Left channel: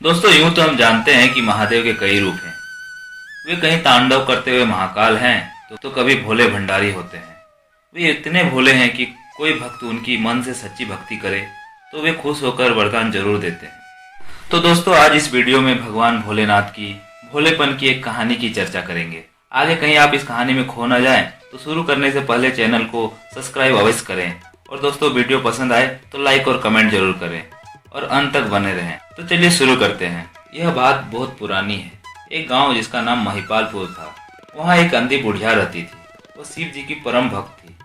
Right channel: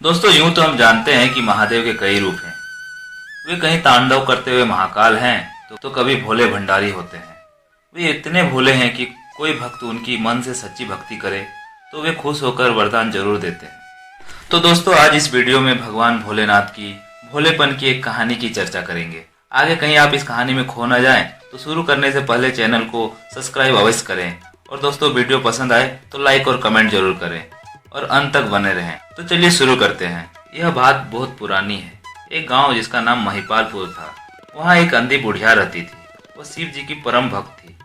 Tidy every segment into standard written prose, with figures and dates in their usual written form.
दोस्तों यूं तो हम जानते हैं कि महादेव के कई रूप हैं। वे कहीं तांडव करते हुए महाकाल हैं तो कभी भोले भंडारी होते हैं। वे इतने भोले हैं कि कोई भक्त उनकी मन से सच्ची भक्ति करे तो वे खुश होकर वरदान जरूर देते हैं। तो दोस्तों आज इस वीडियो में भगवान भोलेनाथ की भोलेपन की एक कहानी की चर्चा करेंगे। आगे कहीं आप इस कहानी में खो न जाएं तो शुरू करने से पहले चैनल को सब्सक्राइब अवश्य करें और दोस्तों वीडियो पसंद आए तो लाइक और कमेंट जरूर करें और अंत तक बने रहें। तो चलिए शुरू करते हैं। यह बात बहुत पुरानी है। एक गांव जिसका नाम महिपालपुर था, वहाँ एक अंधी बुढ़िया रहती थी। वह शिव जी की परम भक्त थी।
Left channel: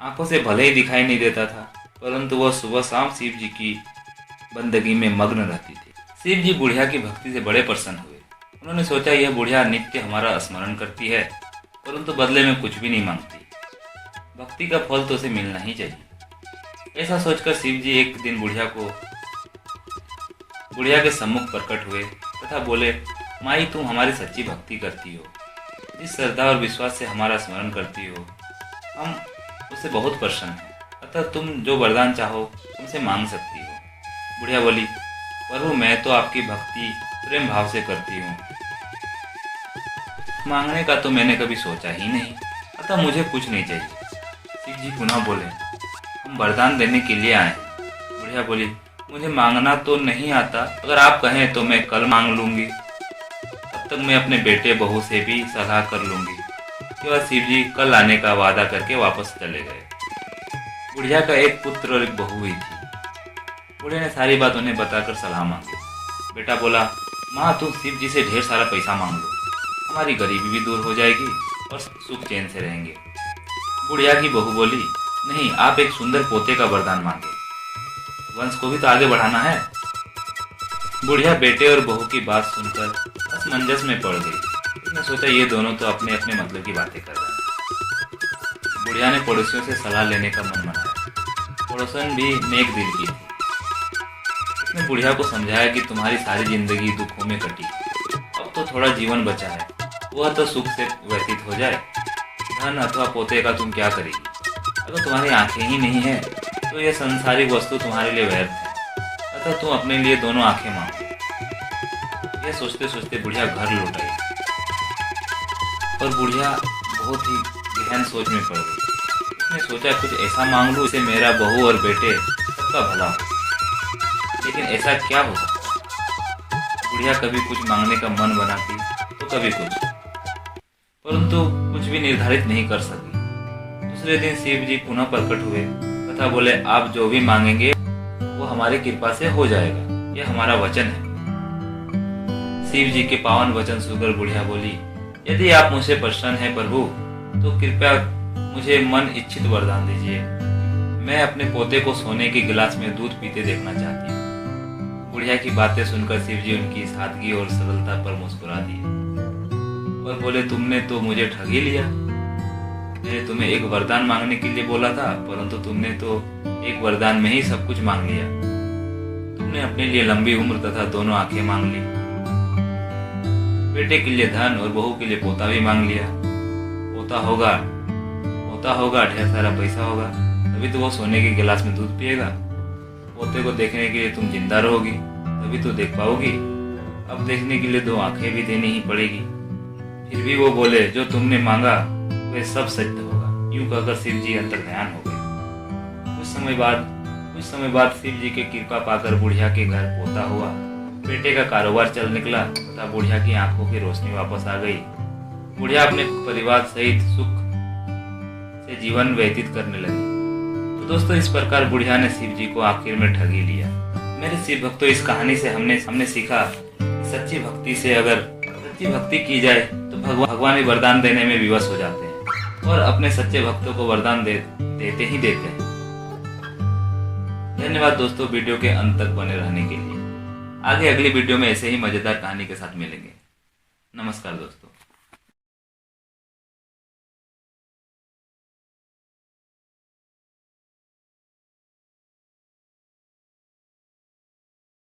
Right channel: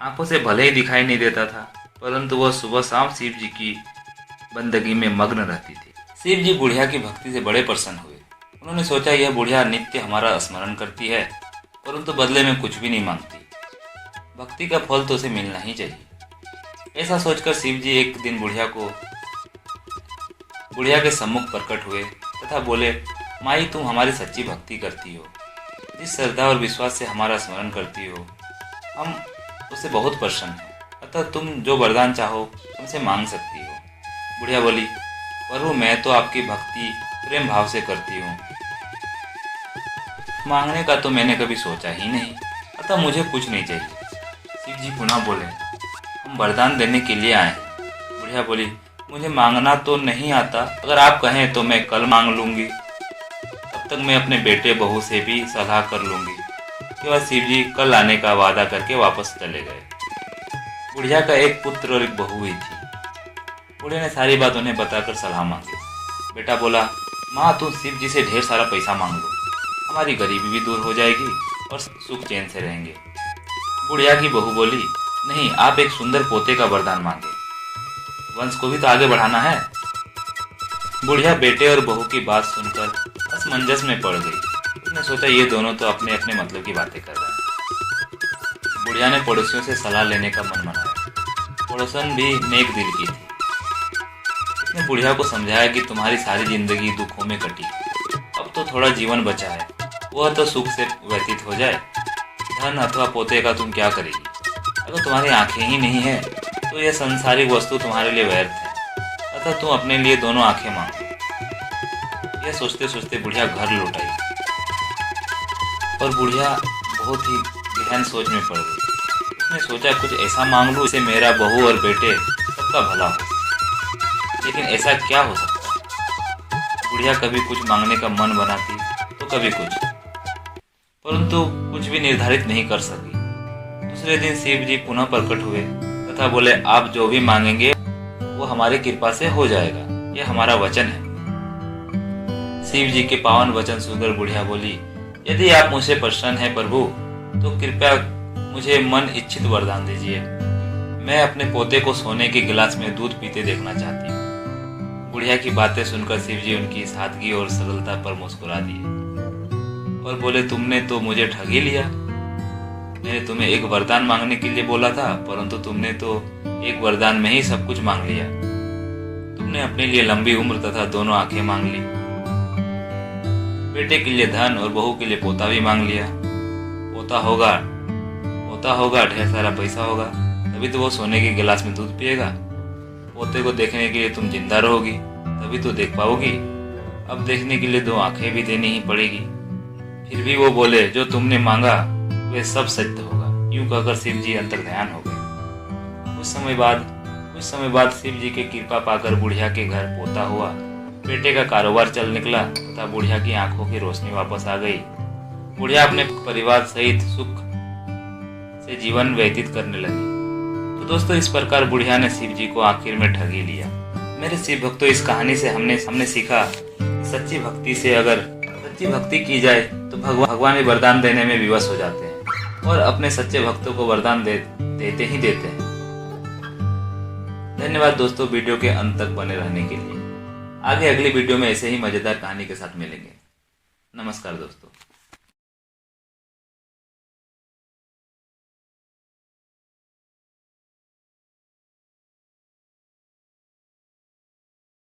आंखों से भले ही दिखाई नहीं देता था, परंतु वह सुबह शाम शिव जी की बंदगी में मग्न रहती थी। शिव जी बुढ़िया की भक्ति से बड़े प्रसन्न हुए। उन्होंने सोचा यह बुढ़िया नित्य हमारा स्मरण करती है, परंतु बदले में कुछ भी नहीं मांगती। भक्ति का फल तो उसे मिलना ही चाहिए। ऐसा सोचकर शिव जी एक दिन बुढ़िया के सम्मुख प्रकट हुए तथा बोले, माई तुम हमारी सच्ची भक्ति करती हो, जिस श्रद्धा और विश्वास से हमारा स्मरण करती हो, हम उससे बहुत प्रसन्न हैं। अतः तुम जो वरदान चाहो तुमसे मांग सकती हो। बुढ़िया बोली, प्रभु मैं तो आपकी भक्ति प्रेम भाव से करती हूँ, मांगने का तो मैंने कभी सोचा ही नहीं, अतः मुझे कुछ नहीं चाहिए। शिव जी पुनः बोले, हम वरदान देने के लिए आए हैं। बुढ़िया बोली, मुझे मांगना तो नहीं आता, अगर आप कहें तो मैं कल मांग लूंगी। तब तक मैं अपने बेटे बहू से भी सलाह कर लूंगी। उसके बाद शिव जी कल आने का वादा करके वापस चले गए। बुढ़िया का एक पुत्र और एक बहू ही थी। बुढ़िया ने सारी बात उन्हें बताकर सलाह मांगी। बेटा बोला, माँ तुम शिव जी से ढेर सारा पैसा मांग लो, हमारी गरीबी भी दूर हो जाएगी और सुख चैन से रहेंगे। बुढ़िया की बहू बोली, नहीं आप एक सुंदर पोते का वरदान मांगे, वंश को भी तो आगे बढ़ाना है। बुढ़िया बेटे और बहू की बात सुनकर असमंजस में पड़ गई। उसने सोचा ये दोनों तो अपने अपने मतलब की बातें कर रहे हैं। बुढ़िया ने पड़ोसियों से सलाह लेने का मन बनाया। पड़ोसन भी नेक दिल की थी। उसने बुढ़िया को समझाया कि तुम्हारी सारी जिंदगी दुखों में कटी, अब तो थोड़ा जीवन बचा है, वह तो सुख से व्यतीत हो जाए। धन अथवा पोते का तुम क्या करेगी? अगर तुम्हारी आंखें ही नहीं है तो यह संसारिक वस्तु तुम्हारे लिए व्यर्थ है, अतः तुम अपने लिए दोनों आंखें मांगो। यह सोचते सोचते बुढ़िया घर लौट आई और बुढ़िया बहुत ही गहन सोच में पड़ गई। उसने सोचा कुछ ऐसा मांग लूं जिससे मेरा बहू और बेटे सबका भला हो। लेकिन ऐसा क्या हो सकता? बुढ़िया कभी कुछ मांगने का मन बनाती तो कभी कुछ, परंतु कुछ भी निर्धारित नहीं कर सकी। दूसरे दिन शिव जी पुनः प्रकट हुए तथा बोले, आप जो भी मांगेंगे वो हमारी कृपा से हो जाएगा, यह हमारा वचन है। शिव जी के पावन वचन सुनकर बुढ़िया बोली, यदि आप मुझसे प्रसन्न हैं प्रभु तो कृपया मुझे मन इच्छित वरदान दीजिए। मैं अपने पोते को सोने के गिलास में दूध पीते देखना चाहती हूँ। बुढ़िया की बातें सुनकर शिव जी उनकी सादगी और सरलता पर मुस्कुरा दिए और बोले, तुमने तो मुझे ठग ही लिया। मैंने तुम्हें एक वरदान मांगने के लिए बोला था, परंतु तुमने तो एक वरदान में ही सब कुछ मांग लिया। तुमने अपने लिए लंबी उम्र तथा दोनों आंखें मांग ली, बेटे के लिए धन और बहू के लिए पोता भी मांग लिया। पोता होगा ढेर सारा पैसा होगा, तभी तो वो सोने के गिलास में दूध पिएगा। पोते को देखने के लिए तुम जिंदा रहोगी, तभी तो देख पाओगी। अब देखने के लिए दो आंखें भी देनी ही पड़ेगी। फिर भी वो बोले, जो तुमने मांगा वे सब सत्य होगा। यूं कहकर शिव जी अंतर्ध्यान हो गए। कुछ समय बाद शिव जी की कृपा पाकर बुढ़िया के घर पोता हुआ, बेटे का कारोबार चल निकला तथा बुढ़िया की आंखों की रोशनी वापस आ गई। बुढ़िया अपने परिवार सहित सुख से जीवन व्यतीत करने लगी। तो दोस्तों इस प्रकार बुढ़िया ने शिव जी को आखिर में ठग ही लिया। मेरे शिव भक्तों, इस कहानी से हमने सीखा सच्ची भक्ति की जाए तो भगवान भी वरदान देने में विवश हो जाते हैं और अपने सच्चे भक्तों को वरदान देते हैं। धन्यवाद दोस्तों वीडियो के अंत तक बने रहने के लिए। आगे अगली वीडियो में ऐसे ही मजेदार कहानी के साथ मिलेंगे। नमस्कार दोस्तों।